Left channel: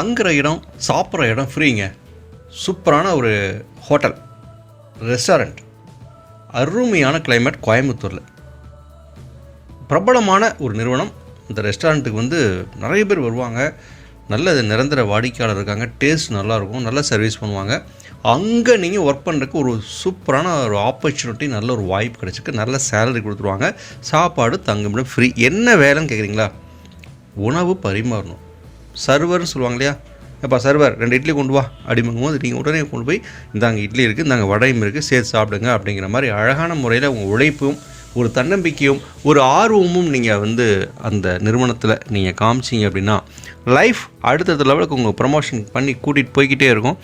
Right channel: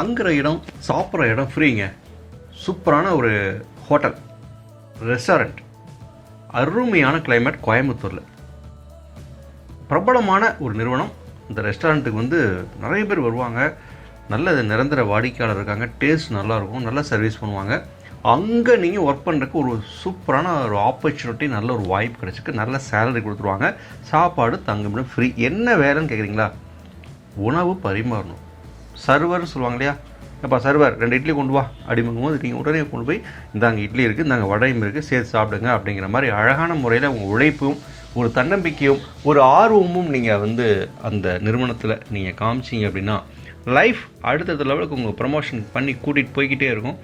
தங்குற இடம் சாப்பிட்ற இடம் ஃப்ரீங்க. சூப்பரான ஒரு ஹோட்டல் ரெஸ்டாரண்ட், அருமையான கிளைமேட் கோயம்புத்தூரில். பிரபலமான ஒரு நிறுவனம். இந்த ரெஸ்டாரண்ட்டுக்கு நிறைய பேர் வருவாங்க. நல்ல நிரந்தர வாடிக்கையாளர் இருக்காங்க. டேஸ்ட் நல்லாயிருக்கும், நல்ல சர்வீஸ் பண்ணுவாங்க. அங்கே நீங்கள் ஒர்க் பண்ணுறதுக்கு ஒரு சூப்பரான ஒரு ஆப்பர்ச்சுனிட்டி, நல்ல ஒரு வாய்ப்பு கிடச்சிருக்கு. நல்ல சேலரி கொடுத்துருவாங்க. சாப்பாடு தங்குமிடம் ஃப்ரீ. என்ன வேலைன்னு கேட்குறீங்களா? உணவு பரிமாறணும். சர்வர்னு சொல்லுவாங்க இல்லையா? எப்போ சர்வர் 2 இட்லி கொண்டு வா அப்படிங்கும்போது நீங்கள் உடனே கொண்டு போய் இந்தாங்க இட்லி இருக்குது, இந்தாங்க வடையும் இருக்குது, சேர்த்து சாப்பிடுங்க அப்படிங்கிற மாதிரி அழகான முறையில் உங்கள் உழைப்பும் ஒரு தன்னம்பிக்கையும் ஒரு ஆர்வமும் நீங்கள் அந்த நிறுவனத்தில் நீங்கள் காமிச்சிங்க அப்படின்னா லைஃப் அடுத்தடுத்த லெவலுக்கு உங்கள் ப்ரமோஷன் பண்ணி கூட்டிகிட்டு போய்கிட்டே இருக்கும்.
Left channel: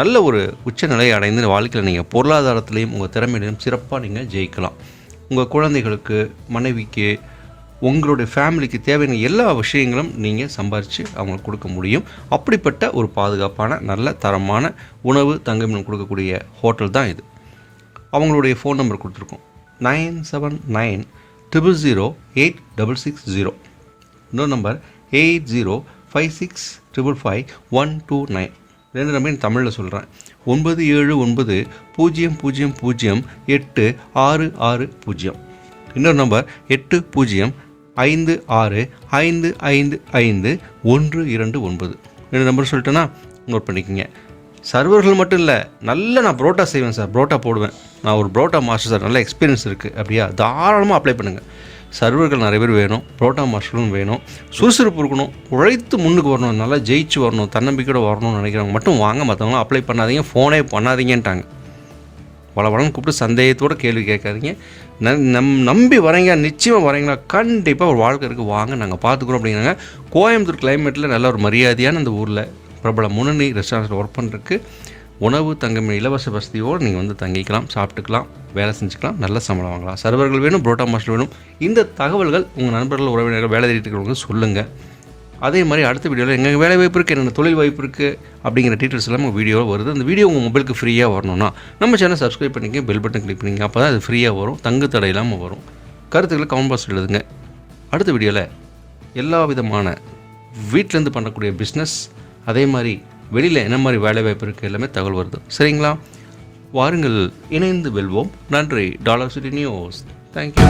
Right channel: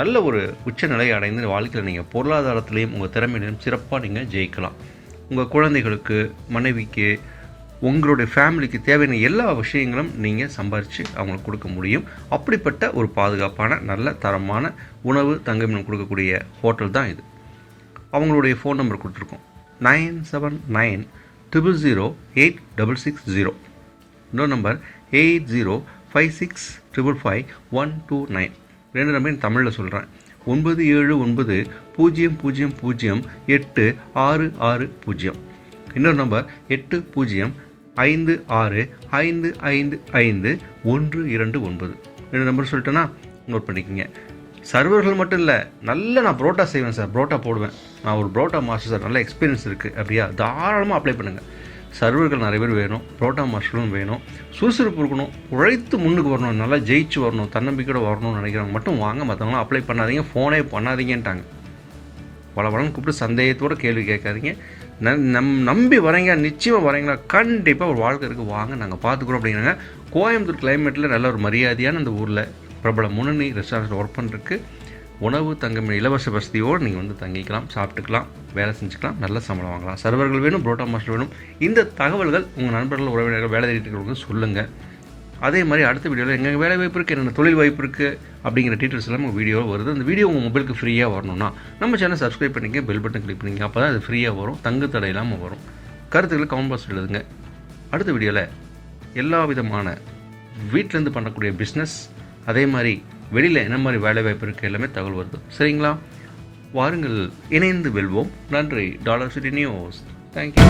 நல்ல ஒரு உச்சநிலையை அடைந்து வாழ்க்கையில் நீங்கள் பொருளாதாரத்துலேயும் உங்கள் திறமையிலையும் சிறப்பாக நீங்கள் ஜெயிக்கலாம். உங்கள் குழந்தைகளுக்கு, மனைவிக்கு, உங்களுடைய ஃபேமிலிக்கு தேவையான எல்லா விஷயங்களும் நீங்கள் சம்பாரித்து அவங்களுக்கு கொடுக்க முடியும். அப்படிப்பட்ட ஒரு பாதுகாப்பான நல்ல தரமான உணவு தங்குமிடம் கொடுக்கக்கூடிய ஹோட்டல் தான் இது. அவங்களுடைய ஃபோன் நம்பர் கொடுத்துருக்கோம், 9790086660. இன்னொரு நம்பர் 8056555129. 2 நம்பர் தமிழில் சொல்கிறேன், 979000086660. இன்னொரு நம்பர் 805655555129. 2 நம்பர் சொல்லிட்டேன்னா நோட் பண்ணிக்கோங்க. சர்வர்கள் மட்டும் இல்லை, நான் புரோட்டா செய்வேன் சார், புரோட்டா போடுவேன், நான் ஒரு புரோட்டா மாஸ்டர் சார், நல்ல எக்ஸ்பீரியன்ஸ் இருக்குது அப்படியா, தாராளமாக அப்ளை பண்ணுங்கள். சர்வர்கள் நிறைய பேர் வேணும், புரோட்டா மாஸ்டரும் வேணும். சுறுசுறுப்பு இருக்கணும், உழைத்து முன்னுக்கு வரணும், நல்லா ஜெயிச்சு வரணும், தன்னம்பிக்கையோடு வரணும்னு நினைக்கிறவங்க மட்டும் வாங்க. மற்றவங்களாம் அப்ளை பண்ணாதீங்க, ஃபோனே பண்ணாதீங்கன்ட்டாங்க. வளவளன்னு கூப்பிட்டு சந்தேகத்தோடு கேள்வி கேட்காதீங்க. நம்பி வரீங்க, நிச்சயமாக வரீங்களா, கண்டிப்பாக ஒரு வாழ்க்கை இருக்குது, வாங்க நாங்கள் பார்த்துக்குறோம் அப்படிங்கிறாங்க. கோயம்புத்தூர் கிளைமேட்டில் நல்ல ஒரு மரியாதையான இந்த ஊரில் பிரபல முன்னணி ரெஸ்டாரண்ட்டில் ஒர்க் பண்ணுறதுக்கு உணவு தங்கும் இலவச வசதியோடு நீங்கள் தங்கிக்கலாம், சாப்பிட்டுக்கலாம், வேலை செஞ்சுக்கலாம், நல்ல சம்பளம் வாங்கலாம். சர்வர்கள் வேணும், புரோட்டா மாஸ்டர் வேணும். இந்த தகவல்கள் உங்கள் நண்பர்கள், உறவினர்கள், வேலை தேடிட்டு இருக்கிறவங்க சொல்லுங்கள். அதே மாதிரி அடுத்த வீடியோவில் எங்கள் வேலை வாய்ப்பு இருக்குது, என்னென்ன தொழில் வாய்ப்பு இருக்குது அப்படிங்கிற டீட்டெயில்ஸ் எல்லாம் உங்கள் வீடியோவில் வருது. அந்த வீடியோ உங்கள் மொபைலுக்கு ஃப்ரீயாக வரணும்னா நம்ம சேனல் சப்ஸ்கிரைப் பண்ணிக்க, பெல் பட்டன் கிளிக் பண்ணிங்க. அப்போ தான் அது ஃப்ரீயாக வரும், தங்கு தடை இல்லாமல் வரும். கருத்துக்களை கமெண்ட் பாக்ஸ் எழுதுங்க. அடுத்த வீடியோவில் எல்லா விதமான வீட்டிலேருந்து பண்ணக்கூடிய பிஸ்னஸ், அதே மாதிரி வெளியில் என்ன மாதிரி வேலை வாய்ப்பு இருக்குது எல்லாமே தகவல் வருது. சரிங்களா? வாருங்கள், இணைந்து வெல்வோம். நன்றி. Dollar city news. தேங்க்யூ.